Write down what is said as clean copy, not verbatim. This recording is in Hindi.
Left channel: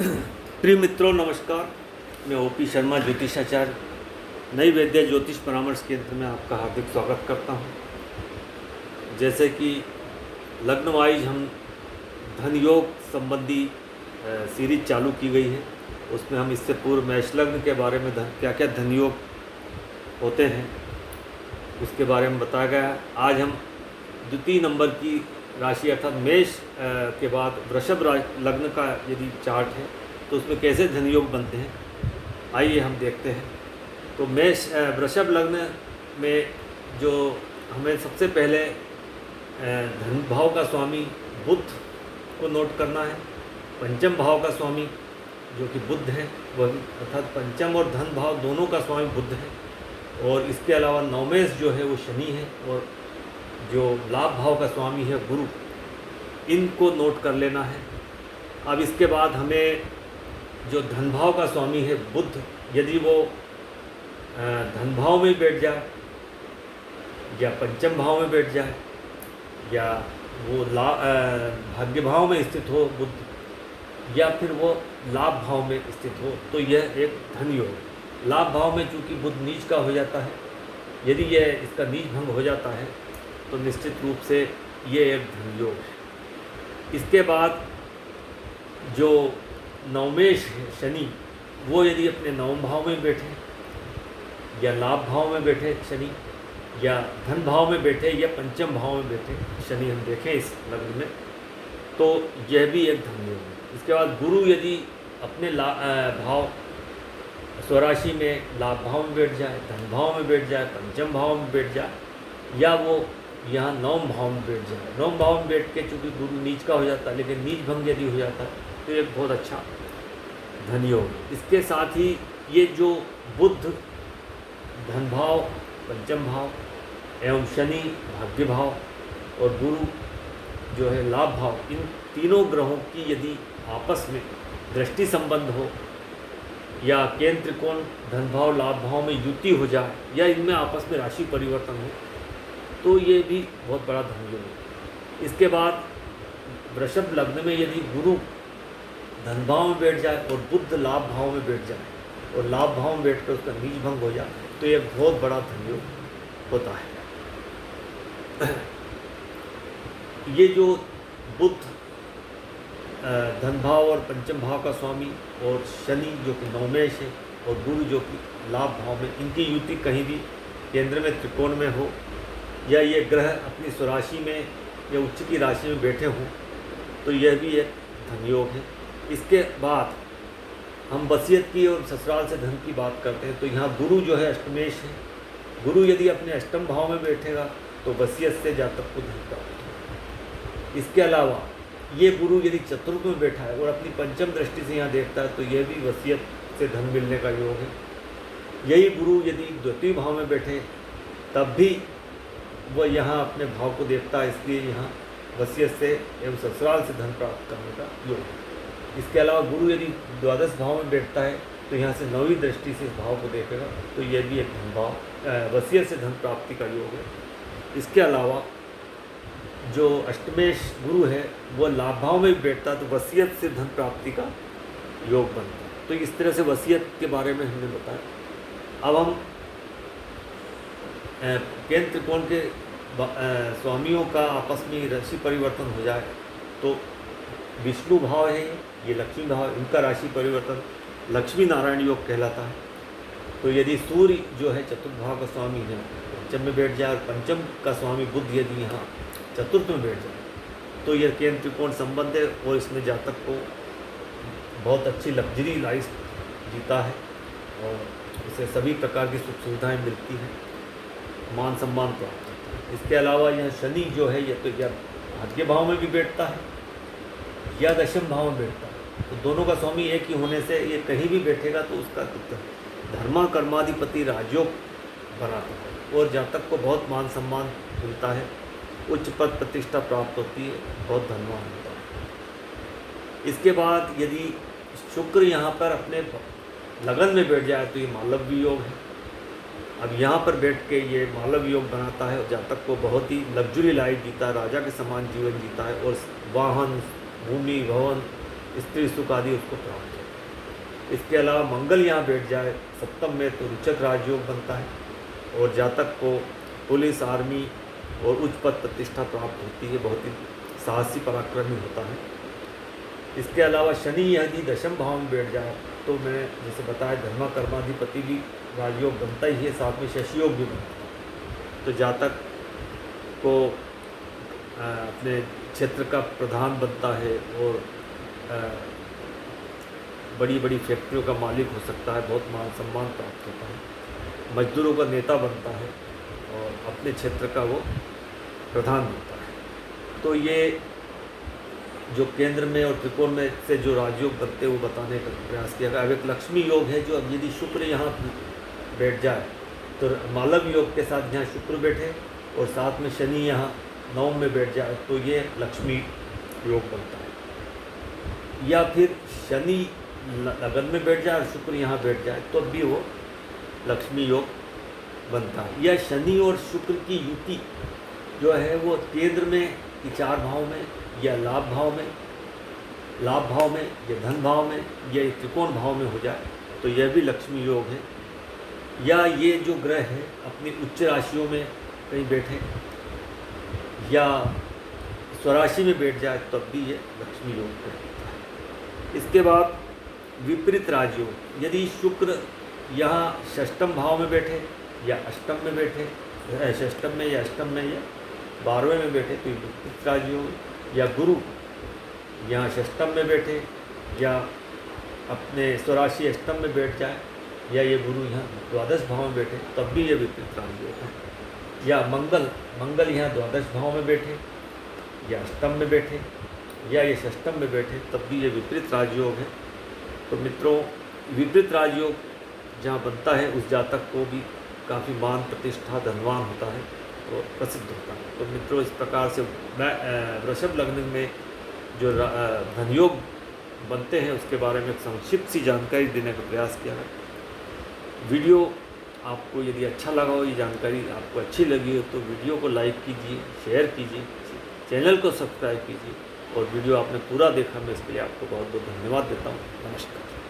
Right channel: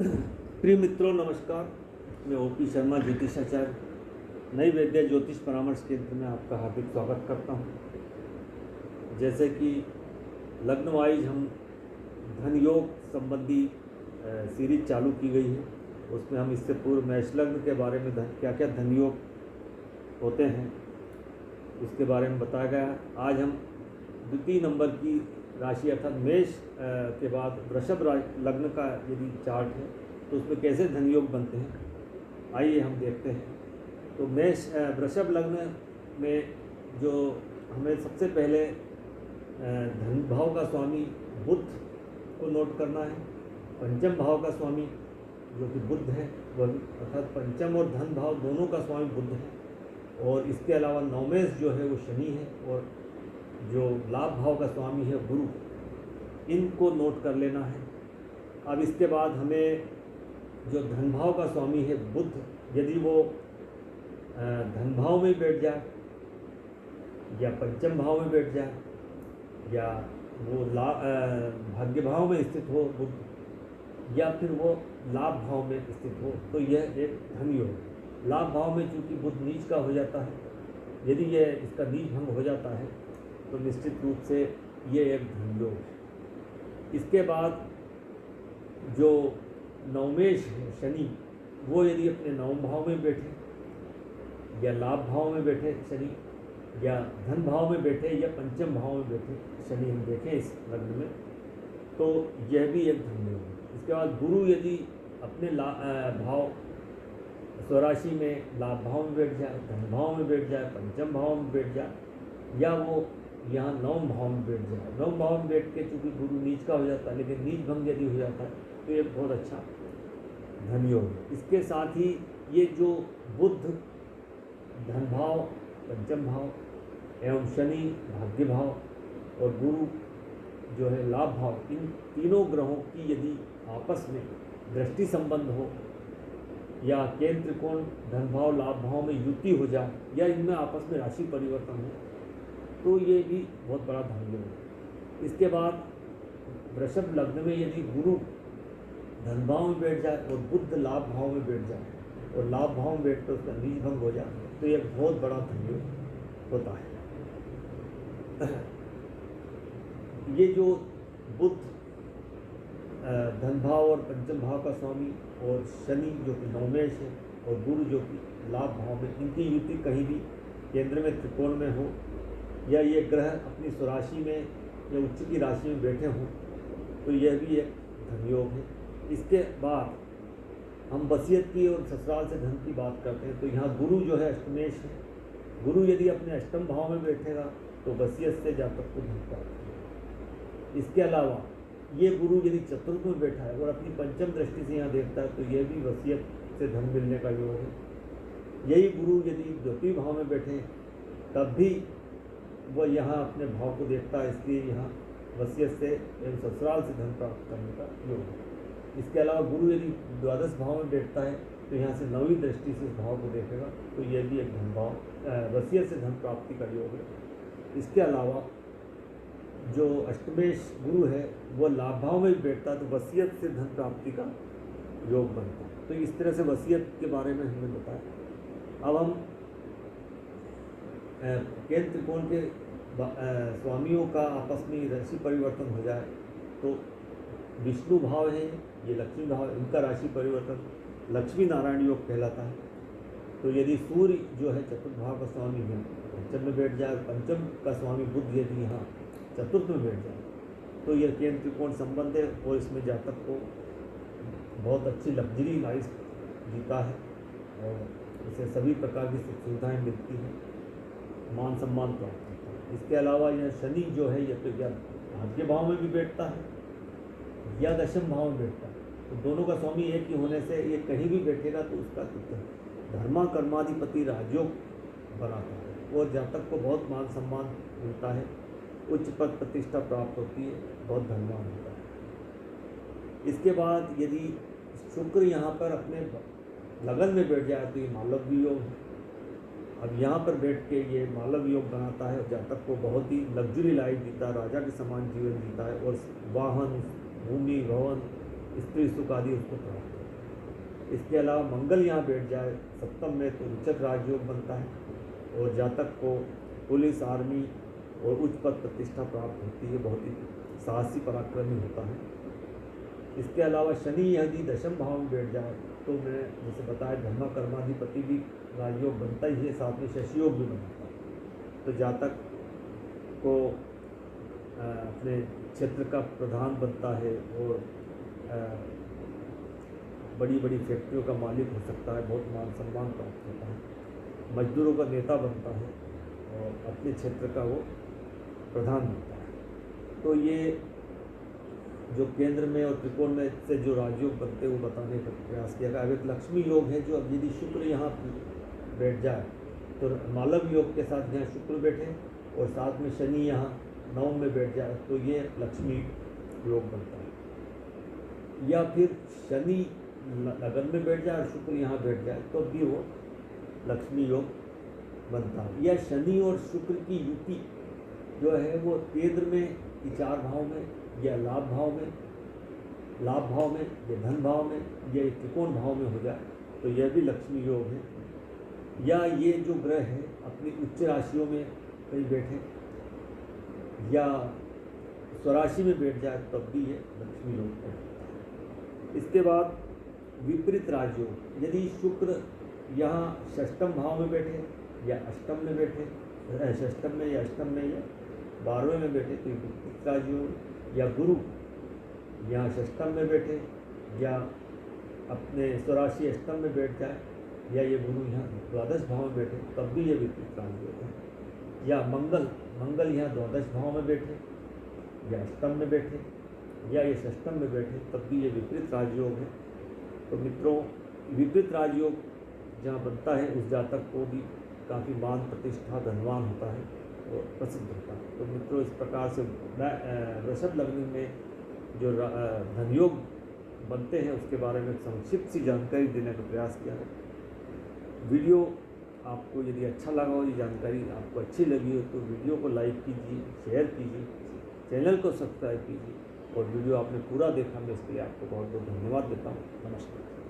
प्रिय मित्रों नमस्कार। मैं ओपी शर्मा ज्योतिषाचार्य नई वैद्य ज्योतिष परामर्श केंद्र में आपका हार्दिक स्वागत करता हूं। जैसे कि लग्न वाइज हम धन योग संबंधी सीरीज चालू की गई है, उसमें हम इससे पूर्व मेष लग्न के बारे में क्या क्या धन योग होते हैं उसके बारे में बताया गया है। आज हम द्वितीय नंबर की राशि अर्थात मेष के बाद वृषभ लग्न का यदि चार्ट है तो उसमें कैसे धन योग बनते हैं, आइए हम देखते हैं। तो मेष वृषभ लग्न में जो हमें सबसे पहले धन भाव का स्वामी बुध को नोट करना है। पंचम भाव का स्वामी जो कि बुध है वह अर्थात पंचम और धन भाव दोनों का स्वामी बुध है। और इसके अलावा नवमेश जो है वो शनि है और जो लाभ भाव का स्वामी है गुरु, इनको नोट कर लेना है। अब इसके बाद हमें जो धन भाव का स्वामी है बुध, यदि वो धन भाव में बैठ जाए या पंचम भाव में बैठ जाए या वो भाग्य भाव में स्थित हो बुध या फिर वो लाभ भाव में स्थित हो तो यह एक धन योग। लाभ भाव में चूँकि बुध नीच का हो जाता है, यदि यह इसका नीच भंग हो जाता है तो निश्चित रूप से ये एक धन योग है। इसके बाद जो नवमेश है शनि, वो यदि अपने नवम भाव में बैठे या लाभ भाव में बैठे शनि या धन भाव में बैठे या पंचम भाव में बैठे शनि हम देखें इस लग्न में, तो यह भी एक धन योग है। इसके बाद गुरु यदि अपने भाव स्वराशि में लाभ भाव में बैठ जाए, धन भाव में बैठ जाए, पंचम भाव में बैठ जाए या वो यहाँ नवम भाव में बैठ जाए। नवम भाव में बैठ के चूँकि गुरु नीच का हो जाता है, लेकिन नीच भंग यदि हो जाता है तो एक बहुत अच्छा धन योग है। इसके साथ ही ये जो बुध धन भाव, पंचम भाव एवं शनि भाग्य भाव और गुरु जो है लाभ भाव, इन तीनों ग्रहों की यदि आपस में दृष्टि संबंध हो या केंद्र त्रिकोण धन भाव लाभ भाव में युति हो जाए या इनमें आपस में राशि परिवर्तन हो तो ये भी बहुत बड़ा धन योग है। इसके बाद वृषभ लग्न में यदि गुरु धन भाव में बैठ जाए और बुध लाभ भाव में बैठ जाए और लाभ भाव में बैठ कर उसका नीच भंग हो जाए तो एक बहुत बड़ा धन योग होता है। ये जो बुध धन भाव और पंचम भाव का स्वामी और शनि जो कि नवमेश है और गुरु जो कि लाभ भाव में, इनकी युति कहीं भी केंद्र में त्रिकोण में हो या ये ग्रह अपनी स्वराशि में या उच्च की राशि में बैठे हों तो यह भी एक धन योग है। इसके बाद हम वसीयत की और ससुराल से धन की बात करते हैं तो यहाँ गुरु जो है अष्टमेश है। गुरु यदि अपने अष्टम भाव में बैठेगा तो वसीयत से जातक को धन प्राप्त होगा। इसके अलावा ये गुरु यदि चतुर्थ में बैठा है और अपनी पंचम दृष्टि से यहाँ देखता है तो यह भी वसीयत से धन मिलने का योग है। यही गुरु यदि द्वितीय भाव में बैठे तब भी वह यहाँ अपने भाव को देखता है, इसलिए यहाँ वसीयत से एवं ससुराल से धन प्राप्त करने का योग है। इसके अलावा गुरु यदि द्वादश भाव में बैठता है तो यहाँ से नौवीं दृष्टि से इस भाव को देखेगा तो यह भी एक धन भाव वसीयत से धन प्राप्ति का योग है। इसके अलावा जो अष्टमेश गुरु है वो लाभ भाव में भी बैठता है तो वसीयत से धन प्राप्ति का योग बनता है। तो इस तरह से वसीयत के बारे में हमने बताया। अब हम केंद्र त्रिकोण के स्वामियों का आपस में राशि परिवर्तन हो जाए तो विष्णु भाव है, ये लक्ष्मी भाव, इनका राशि परिवर्तन लक्ष्मी नारायण योग कहलाता है। तो यदि सूर्य जो है चतुर्थ भाव का स्वामी है पंचम में बैठ जाए और पंचम का स्वामी बुध यदि यहाँ चतुर्थ में बैठ जाए तो यह केंद्र त्रिकोण संबंध है और इसमें जातक को बहुत अच्छी लग्जरी लाइफ जीता है और इसे सभी प्रकार की सुख सुविधाएँ मिलती हैं, मान सम्मान प्राप्त होता है। इसके अलावा यह शनि जो है यह तो या भाग्य भाव में भी बैठता है या दशम भाव में बैठता है, तो दोनों का स्वामी एक ही होने से ये कहीं भी बैठेगा तो उसका धर्मा कर्माधिपति राजयोग बनाता है और जातक को बहुत मान सम्मान मिलता है, उच्च पद प्रतिष्ठा प्राप्त होती है, बहुत धनवान होता है। इसके बाद यदि शुक्र यहाँ पर अपने लगन में बैठ जाए तो ये मालव्य योग है। अब यहाँ पर बैठ के ये मालव्य योग बनाता है और जातक को बहुत ही लग्जरी लाइफ जीता है, राजा के समान जीवन जीता है और वाहन भूमि भवन स्त्री सुख आदि उसको प्राप्त हो। इसके अलावा मंगल यहाँ बैठ जाए सप्तम में तो रुचक राजयोग बनता है और जातक को पुलिस, आर्मी और उच्च पद प्रतिष्ठा प्राप्त होती है, बहुत ही साहसी पराक्रमी होता है। इसके अलावा शनि यदि दशम भाव में बैठ जाए तो मैं जैसे बताया धर्मा कर्माधिपति भी राजयोग बनता ही है, साथ में शशि योग भी बनता है। तो जातक को अपने क्षेत्र का प्रधान बनता है और बड़ी बड़ी फैक्ट्रियों का मालिक हो सकता है, बहुत मान सम्मान प्राप्त होता है, मजदूरों का नेता बनता है और अपने क्षेत्र का वो प्रधान बनता है। तो ये जो केंद्र में और त्रिकोण में से जो राजयोग बनते हैं वो बताने का प्रयास किया गया। अब एक लक्ष्मी योग है जो अब यदि शुक्र यहाँ बैठ जाए तो मालव योग के साथ यहाँ शुक्र बैठे और साथ में शनि यहाँ नवम में बैठ जाए तो ये लक्ष्मी योग बनता है। या फिर शनि लगन में बैठ जाए और शुक्र यहाँ बैठ जाए तो भी वो लक्ष्मी योग बनता है। या शनि और शुक्र की युति जो है वो केंद्र में 4 भाव में या लाभ भाव में या धन भाव में या त्रिकोण भाव में हो जाए तो यह भी लक्ष्मी योग है। या ये जो ग्रह है अपनी उच्च राशियों में कहीं बैठे या स्वराशि में बैठ जाए तब भी ये लक्ष्मी योग कहलाता है। इसके बाद विपरीत राजयोग, यदि शुक्र यहाँ षष्टम भाव में बैठे या अष्टम में बैठे, षष्टम में या अष्टम में या 12वें में बैठे तो विपरीत राजयोग। या गुरु यहाँ षष्टम में बैठे या अपने स्वराशि अष्टम में बैठ जाए या ये गुरु यहाँ द्वादश भाव में बैठे तब भी ये विपरीत राजयोग है। या मंगल यहाँ द्वादश भाव में बैठे या अष्टम में बैठे या ये षष्टम में बैठे तब भी ये विपरीत राजयोग है। तो मित्रों, विपरीत राजयोग जहाँ बनता है उस जातक को भी काफ़ी मान प्रतिष्ठा धनवान होता है और प्रसिद्ध होता है। तो मित्रों, इस प्रकार से वृषभ लग्न में जो धनयोग बनते हैं उसके बारे में संक्षिप्त सी जानकारी देने का प्रयास किया है। वीडियो आपको यदि अच्छा लगा हो, ये जानकारी आपको अच्छी लगी हो तो वीडियो को लाइक कीजिए, शेयर कीजिए, चैनल को सब्सक्राइब कीजिए और वीडियो आपने पूरा देखा मैं इसके लिए आपको बहुत बहुत धन्यवाद देता हूँ। नमस्कार।